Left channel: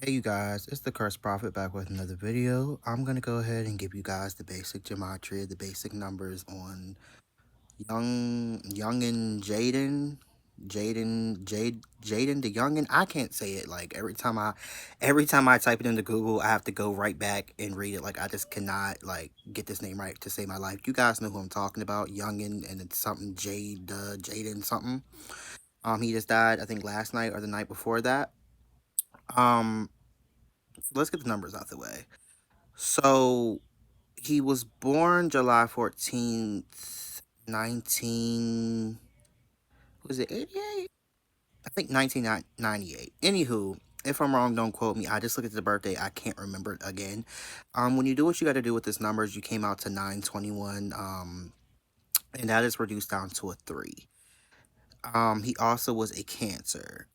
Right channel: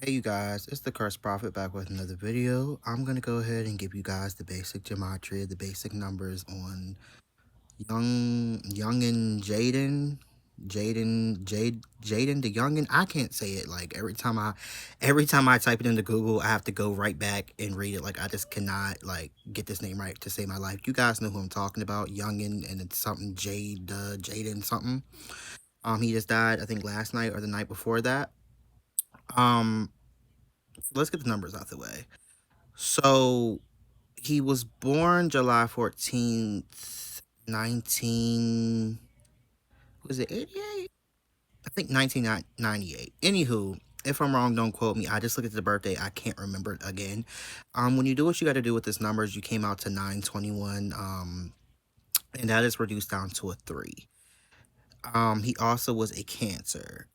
Hey you guys, it's the Cursed Prophet back with another video. I'm gonna go ahead and give you guys the basic gematria, the basic numbers on young and Jaden the youngin. I can't say it. Like every time I type it into Google, I have to go right back and read it. Like I just cannot like get this name right to save my life. You guys know who I'm talking about, youngin, and it's something Jaden something. He just died I think last night or the night before that. Um, let's get the numbers out the way. So he was born July 14th, 19, was it 88? I think 1998. Anywho, if I'm wrong, don't quote me. I just looked at the birthday. I can't remember it again. When you do what you got to do with this numbers, you came out to 921. And that is reduced down to a 3. He also was a Cancer.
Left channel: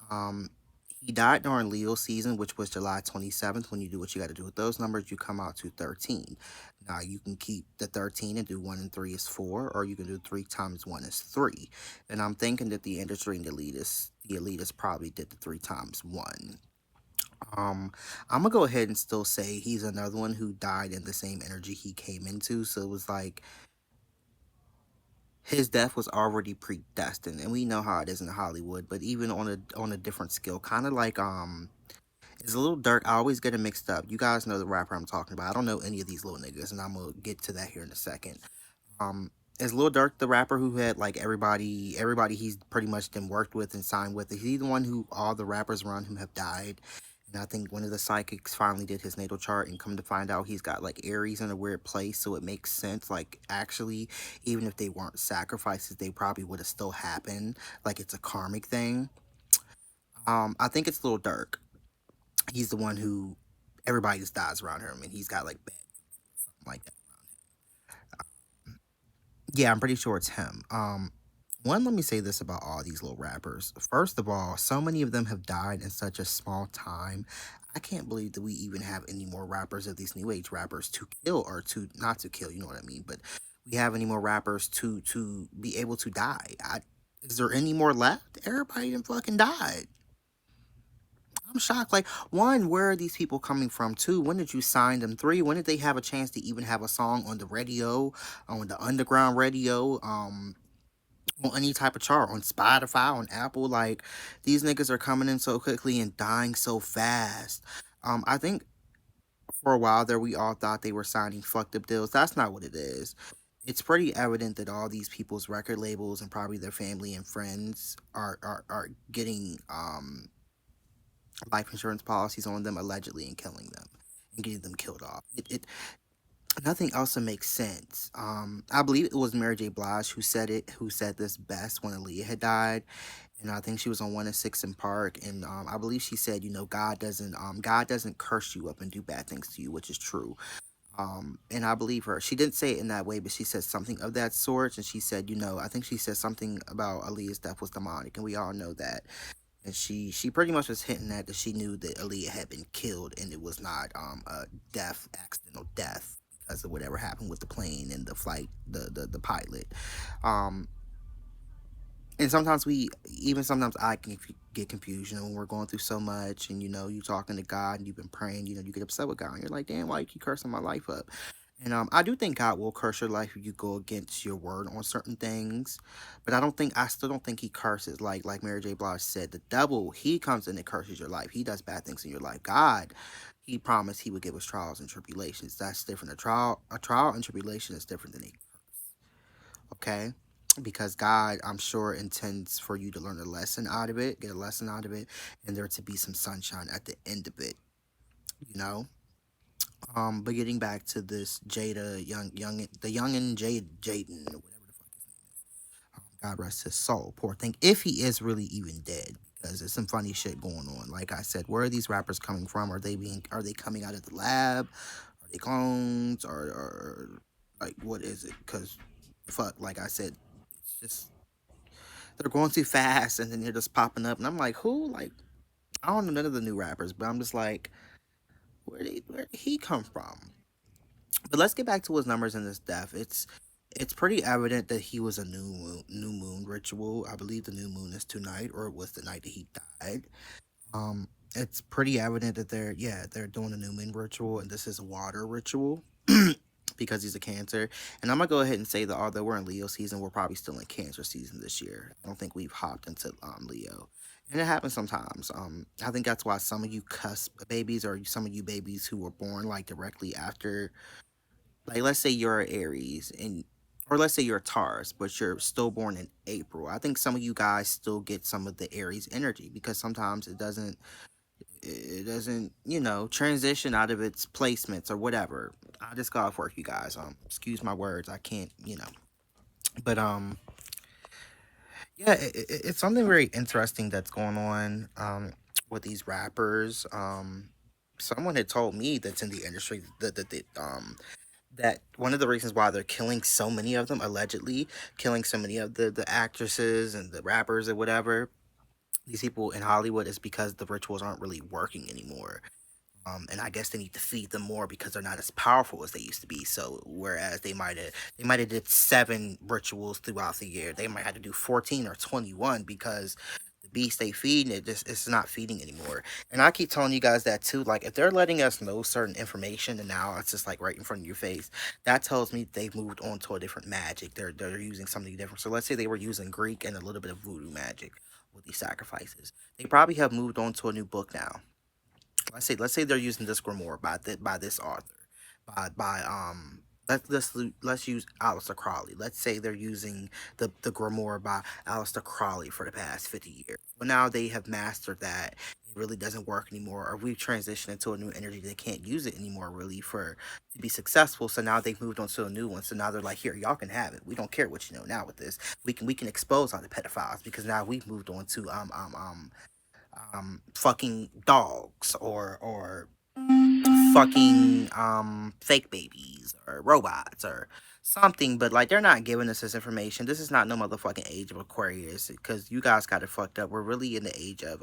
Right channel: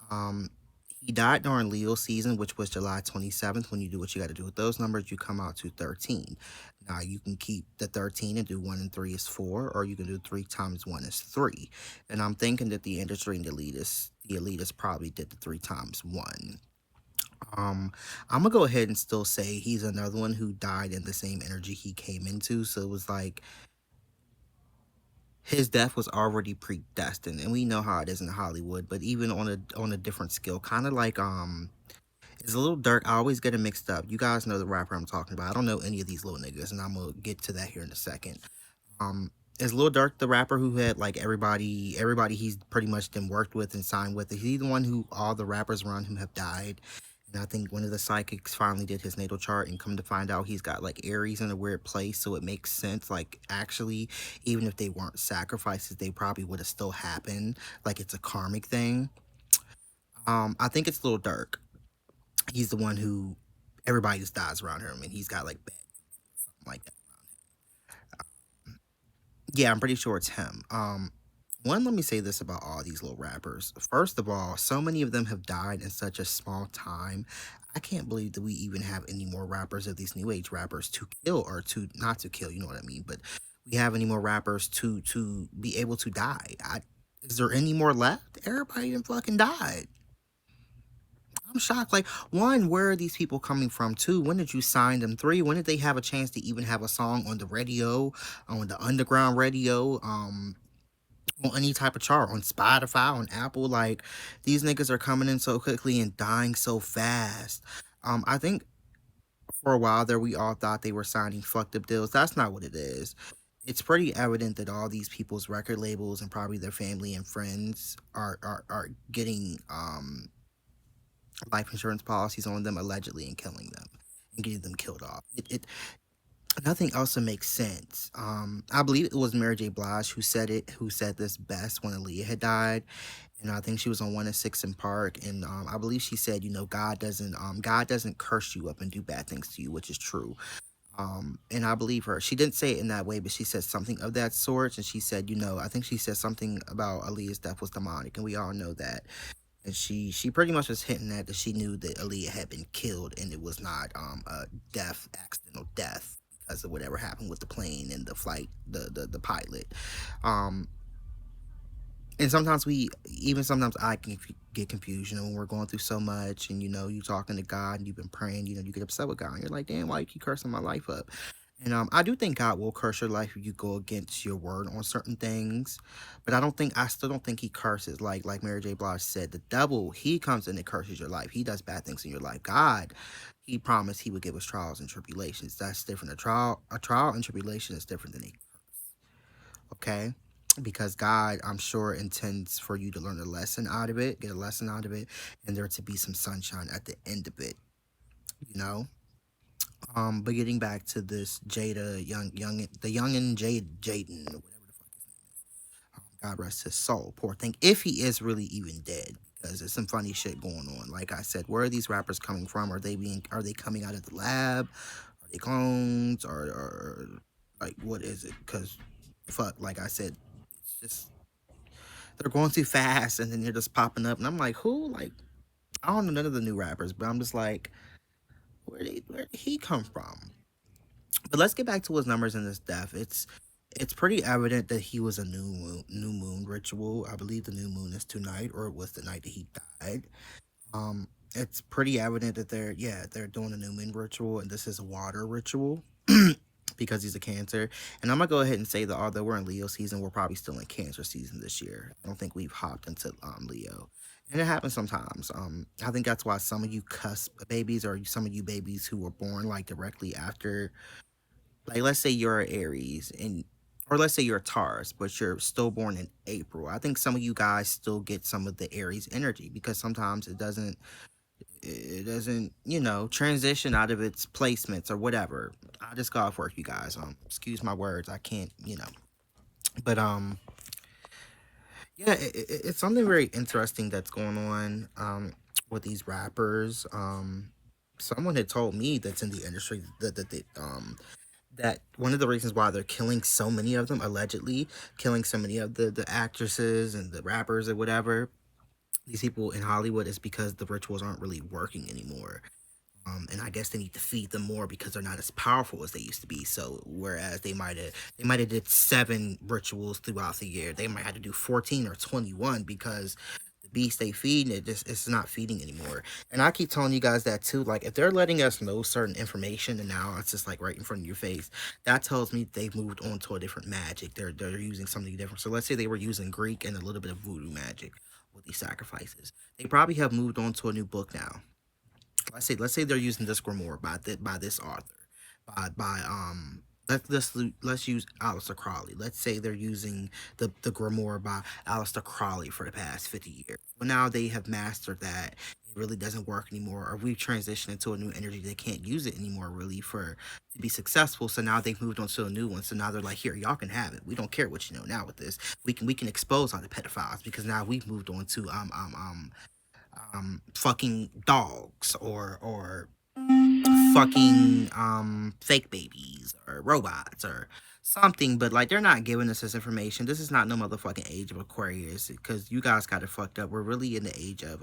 He died during Leo season, which was July 27th. When you do what you got to do with those numbers, you come out to 13. Now, you can keep the 13 and do 1 and 3 is 4, or you can do 3 times 1 is 3. And I'm thinking that the industry and the elitists probably did the 3 times 1. I'm gonna go ahead and still say he's another one who died in the same energy he came into. So it was like his death was already predestined, and we know how it is in Hollywood. But even on a different scale, kind of like it's a little dark. I always get it mixed up. You guys know the rapper I'm talking about. I don't know any of these little niggas, and I'm gonna get to that here in a second. Um, is Lil Durk the rapper who had like everybody he's pretty much been worked with and signed with? Is he the one who all the rappers around him have died? And I think one of the psychics finally did his natal chart and come to find out he's got like Aries in a weird place, so it makes sense. Like actually, even if they weren't sacrifices, they probably would have still happened. Like it's a karmic thing. I think it's Lil Durk. He's the one who everybody just dies around him, and he's got like bad something like that. Yeah, I'm pretty sure it's him. Let me say this about all these little rappers. First of all, so many of them have died in such a small time. I can't believe that we even have any more rappers of these new age rappers to kill, or to not to kill, you know what I mean? But we have any more rappers to be able to die. Is there any more left? Everybody done fucking died. I'm shocked. Like, one, where are these people coming from? Two, when did you sign them? Three, when did they have a chance to even have a song on the radio, on the underground radio, on any type of chart, on Spotify, on Apple? Like, these niggas are coming in so quickly and dying so fast. I think for a while there, we all thought they were signing fucked up deals. That's not what it is. It's pretty evident that all these people's record labels and probably their family and friends are getting life insurance policies on them allegedly and killing them and getting them killed off. It nothing else makes sense. I believe it was Mary J. Blige who said this best when Aaliyah had died. And I think she was on 106 in Park, and I believe she said, God doesn't curse you up and do bad things to you, which is true. And I believe her. She didn't say it in that way, but she said something of that sort. And she said, I think she said something about Aaliyah's death was demonic, and we all know that. And she pretty much was hinting at that she knew that Aaliyah had been killed, and it was not a accidental death because of whatever happened with the plane and the flight, the pilot. Um, and sometimes I can get confused, when we're going through so much, and you talking to God and you've been praying, you get upset with God, and you're like, damn, why you keep cursing my life up? And I do think God will curse your life if you go against your word on certain things, but I still don't think He curses like Mary J. Blige said. The devil, he comes in and curses your life. He does bad things in your life. God, He promised He would give us trials and tribulations. That's different. A trial and tribulation is different than a okay, because God, I'm sure, intends for you to learn a lesson out of it, get a lesson out of it, and there to be some sunshine at the end of it. You know. But getting back to this the young and Jaden, or whatever the fuck his name is. God rest his soul, poor thing. If he is really even dead, because there's some funny shit going on. Like I said, where are these rappers coming from? Are they coming out of the lab? Are they clones? Or like what is it? Because fuck, like I said, it's just they're going too fast, and then they're just popping up, and I'm like, who? Like I don't know none of the new rappers, but I'm just like, where did he come from? But let's get back to his numbers and his death. It's pretty evident that he was a new moon ritual. I believe the new moon is tonight, or it was the night that he died. it's pretty evident that they're doing a new moon ritual, and this is a water ritual. Because he's a Cancer. And I'm gonna go ahead and say that although we're in Leo season, we're probably still in Cancer season this year. I don't think we've hopped into Leo. And it happens sometimes. I think that's why some of you cusp babies, or some of you babies who were born like directly after, like let's say you're an Aries, and or let's say you're a Taurus, but you're still born in April. I think some of you guys still get some of the Aries energy, because sometimes it doesn't, transition out of its placements or whatever. I just got off work, you guys. Excuse my words. I can't, but yeah, it's something very interesting that's going on with these rappers. Someone had told me that's in the industry that one of the reasons why they're killing so many of them, allegedly killing so many of the actresses and the rappers or whatever, these people in Hollywood, is because the rituals aren't really working anymore. And I guess they need to feed them more because they're not as powerful as they used to be. So whereas they might have did 7 rituals throughout the year, they might have to do 14 or 21, because the beast they feed, it's not feeding anymore. And I keep telling you guys that too. Like, if they're letting us know certain information and now it's just like right in front of your face, that tells me they've moved on to a different magic. They're using something different. So let's say they were using Greek and a little bit of voodoo magic with these sacrifices. They probably have moved on to a new book now. Let's say they're using this grimoire by this author, let's use Aleister Crowley. Let's say they're using the grimoire by Aleister Crowley for the past 50 years. Well, now they have mastered that. It really doesn't work anymore, or we've transitioned into a new energy. They can't use it anymore, really, for to be successful. So now they've moved on to a new one. So now they're like, here, y'all can have it. We don't care what you know now with this. We can expose all the pedophiles, because now we've moved on to fucking dogs, or fucking fake babies or robots or something. But like, they're not giving us this information. This is not no motherfucking age of Aquarius, because you guys got it fucked up. We're really in the age of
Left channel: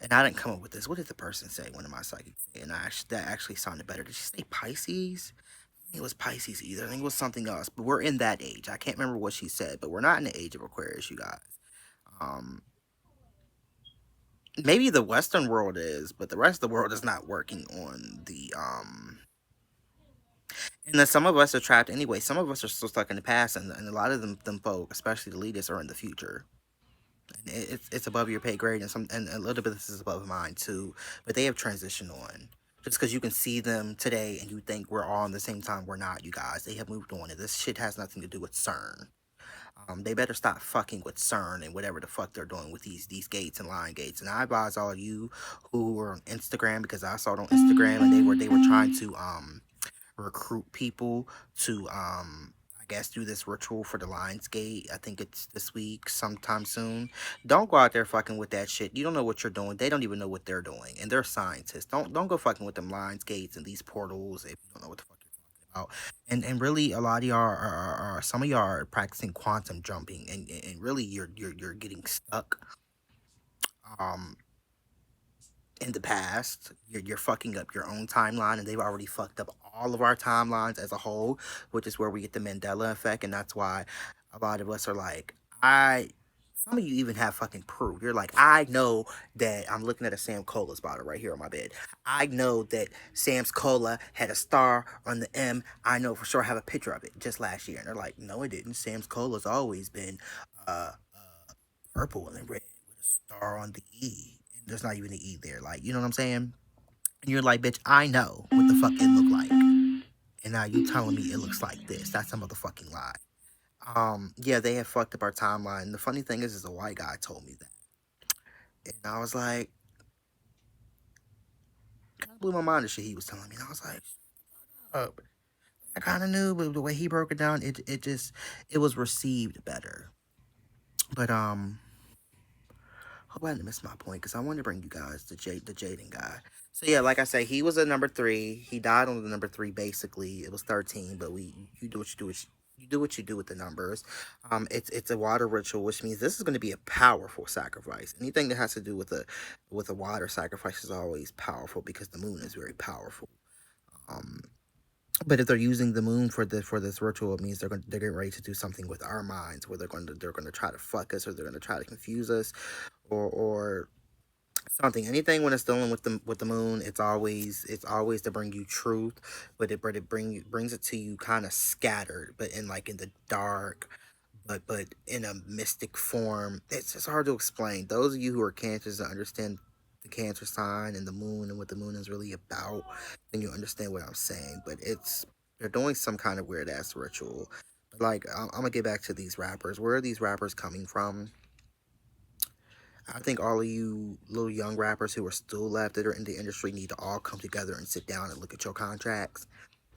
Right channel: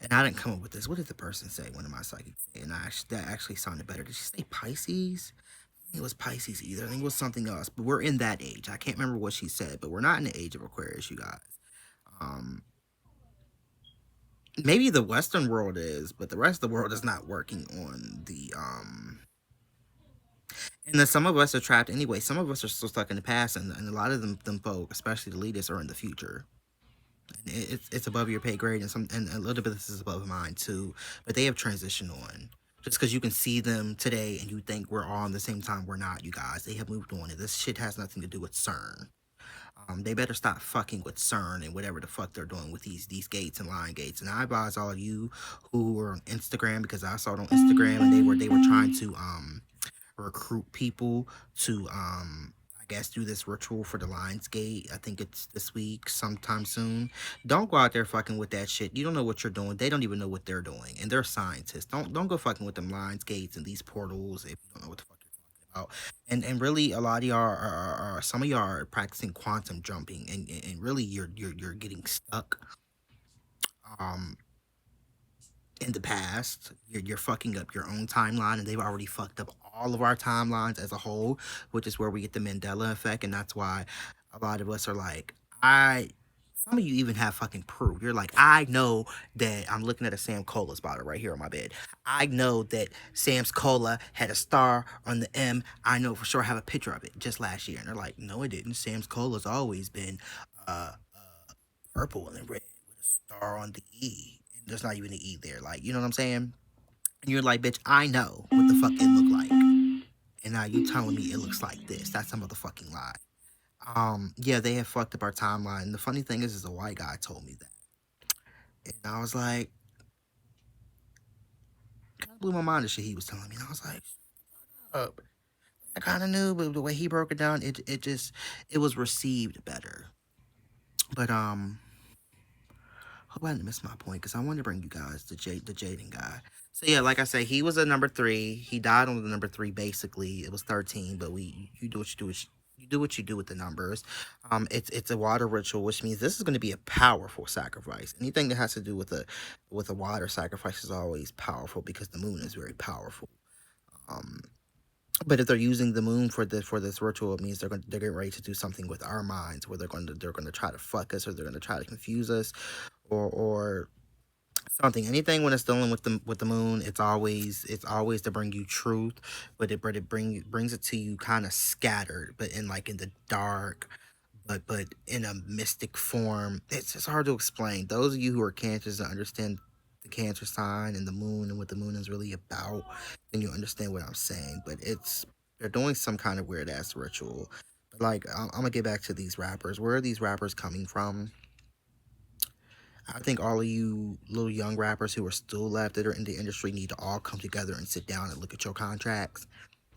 and I didn't come up with this. What did the person say? One of my psychics, and that actually sounded better. Did she say Pisces? I think it was Pisces either. I think it was something else. But we're in that age. I can't remember what she said, but we're not in the age of Aquarius, you guys. Um, Maybe the Western world is, but the rest of the world is not working on the and then some of us are trapped anyway. Some of us are still stuck in the past, and a lot of them folk, especially the leaders, are in the future. And it's above your pay grade, and a little bit of this is above mine too. But they have transitioned on. Just because you can see them today and you think we're all on the same time, we're not, you guys. They have moved on, and this shit has nothing to do with CERN. They better stop fucking with CERN and whatever the fuck they're doing with these gates and line gates. And I advise all of you who were on Instagram, because I saw it on Instagram, and they were trying to recruit people to I guess do this ritual for the Lions Gate. I think it's this week, sometime soon. Don't go out there fucking with that shit. You don't know what you're doing. They don't even know what they're doing, and they're scientists. Don't go fucking with them Lions Gates and these portals if you don't know what the fuck you're talking about. And really, a lot of y'all are some of y'all are practicing quantum jumping, and really you're getting stuck um in the past. You're fucking up your own timeline, and they've already fucked up all of our timelines as a whole, which is where we get the Mandela effect. And that's why a lot of us are like, some of you even have fucking proof. You're like, I know that I'm looking at a Sam Cola's bottle right here on my bed. I know that Sam's Cola had a star on the M. I know for sure. I have a picture of it just last year. And they're like, no, it didn't. Sam's Cola's always been purple and red with a star on the E. And there's not even an E there. Like, you know what I'm saying? And you're like, bitch, I know what the fuck it looked like. And now you telling me it looks like this. That's a motherfucking lie. Yeah, they have fucked up our timeline. And the funny thing is a white guy told me that. And I was like, kind of blew my mind the shit he was telling me. And I was like, oh, I kind of knew, but the way he broke it down, it was received better. But hope I didn't miss my point, because I wanted to bring you guys the Jaden guy. So yeah, like I say, he was a number 3. He died on the number 3. Basically, it was 13, but you do what you do. You do what you do with the numbers. It's a water ritual, which means this is going to be a powerful sacrifice. Anything that has to do with a water sacrifice is always powerful, because the moon is very powerful. Um, but if they're using the moon for this ritual, it means they're getting ready to do something with our minds, where they're going to try to fuck us, or they're going to try to confuse us, or something. Anything when it's dealing with the moon, it's always to bring you truth, but it brings it to you kind of scattered, but in the dark, but in a mystic form. It's just hard to explain. Those of you who are cancers that understand the cancer sign and the moon and what the moon is really about, then you understand what I'm saying. But they're doing some kind of weird ass ritual. But like I'm gonna get back to these rappers. Where are these rappers coming from? I think all of you little young rappers who are still left that are in the industry need to all come together and sit down and look at your contracts.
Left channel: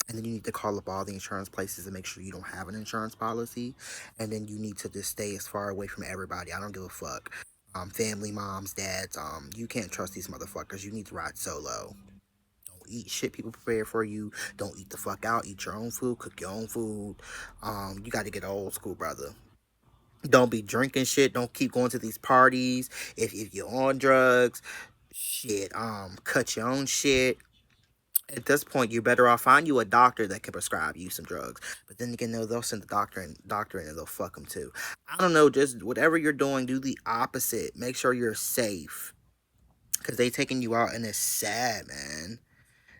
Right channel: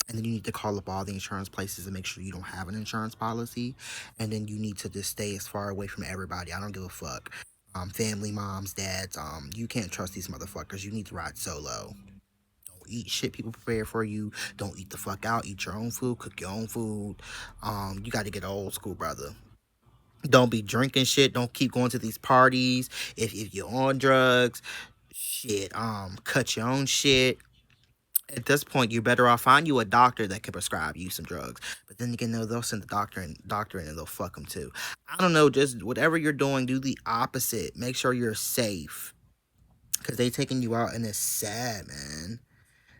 And then you need to call up all the insurance places and make sure you don't have an insurance policy. And then you need to just stay as far away from everybody. I don't give a fuck. Family, moms, dads. You can't trust these motherfuckers. You need to ride solo. Don't eat shit people prepare for you. Don't eat the fuck out. Eat your own food. Cook your own food. You got to get old school, brother. Don't be drinking shit. Don't keep going to these parties. If you're on drugs, shit, cut your own shit. At this point, you're better off find you a doctor that can prescribe you some drugs. But then again, they'll send the doctor in and they'll fuck them too. I don't know. Just whatever you're doing, do the opposite. Make sure you're safe because they taking you out, and it's sad, man.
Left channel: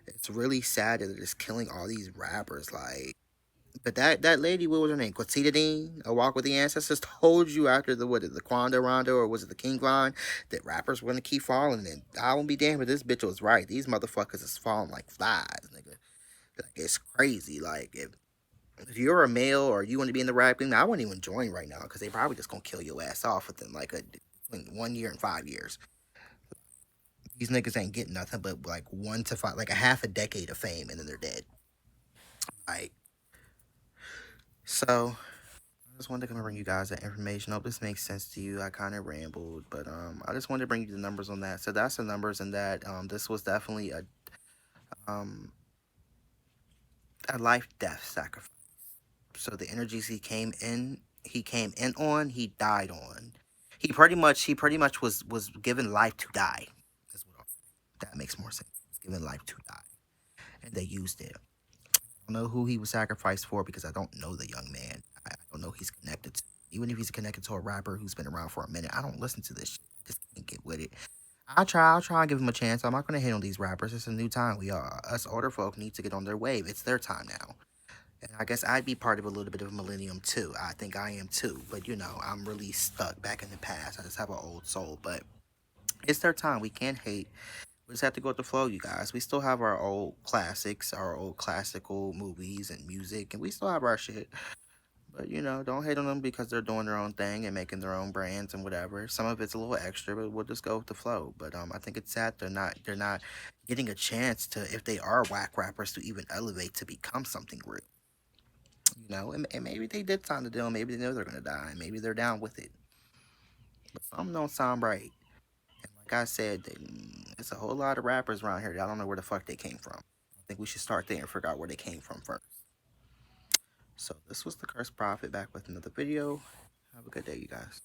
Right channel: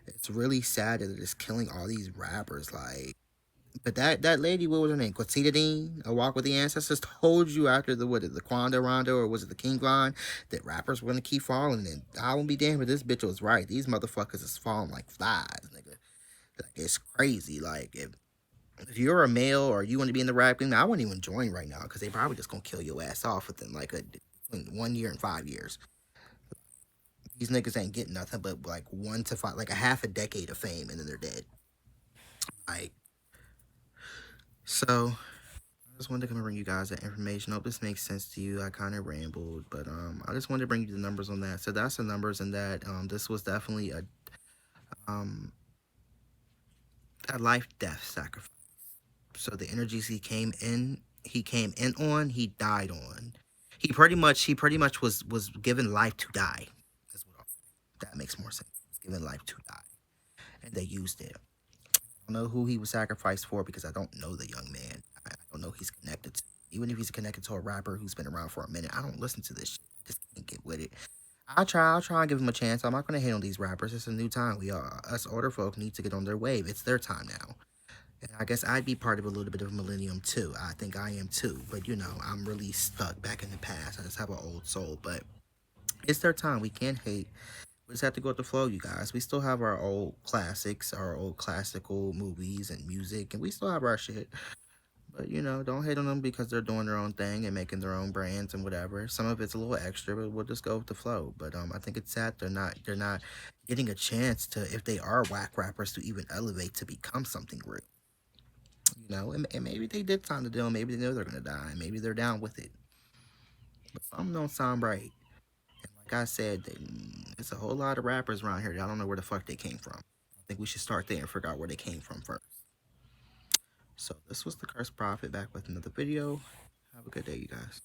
It's really sad that they're just killing all these rappers. Like, but that lady, what was her name? Quatita Dean, A Walk with the Ancestors, told you after the Quando Rondo, or was it the King line, that rappers were gonna keep falling. And I won't be damned if this bitch was right. These motherfuckers is falling like flies, nigga. Like, it's crazy. Like, if you're a male or you want to be in the rap game, I wouldn't even join right now because they probably just gonna kill your ass off within like between 1 year and 5 years. These niggas ain't getting nothing but like 1 to 5, like a half a decade of fame, and then they're dead. Like, so I just wanted to come and bring you guys that information. I hope this makes sense to you. I kind of rambled, but I just wanted to bring you the numbers on that. So that's the numbers, and that this was definitely um a life death sacrifice. So the energies he came in on, he died on. He pretty much was given life to die. That's what I'll say. That makes more sense. He was given life to die, and they used it. I don't know who he was sacrificed for because I don't know the young man. I don't know who he's connected to. Even if he's connected to a rapper who's been around for a minute, I don't listen to this shit. I just can't get with it. I'll try and give him a chance. I'm not gonna hate on these rappers. It's a new time. Us older folk need to get on their wave. It's their time now. And I guess I'd be part of a little bit of a millennium too. I think I am too. But I'm really stuck back in the past. I just have an old soul. But it's their time. We can't hate. We just have to go with the flow, you guys. We still have our old classics, our old classical movies and music, and we still have our shit. But don't hate on them because they're doing their own thing and making their own brands and whatever. Some of it's a little extra, but we'll just go with the flow. But I think it's sad they're not getting a chance to, if they are whack rappers, to even elevate to become something real. And maybe they did sign the deal. Maybe they know they're gonna die. Maybe they're down with it. But some don't sound right. And like I said, it's a whole lot of rappers around here that I don't know where the fuck they came from. I think we should start there and figure out where they came from first. So this was the Cursed Prophet back with another video. Have a good day, you guys.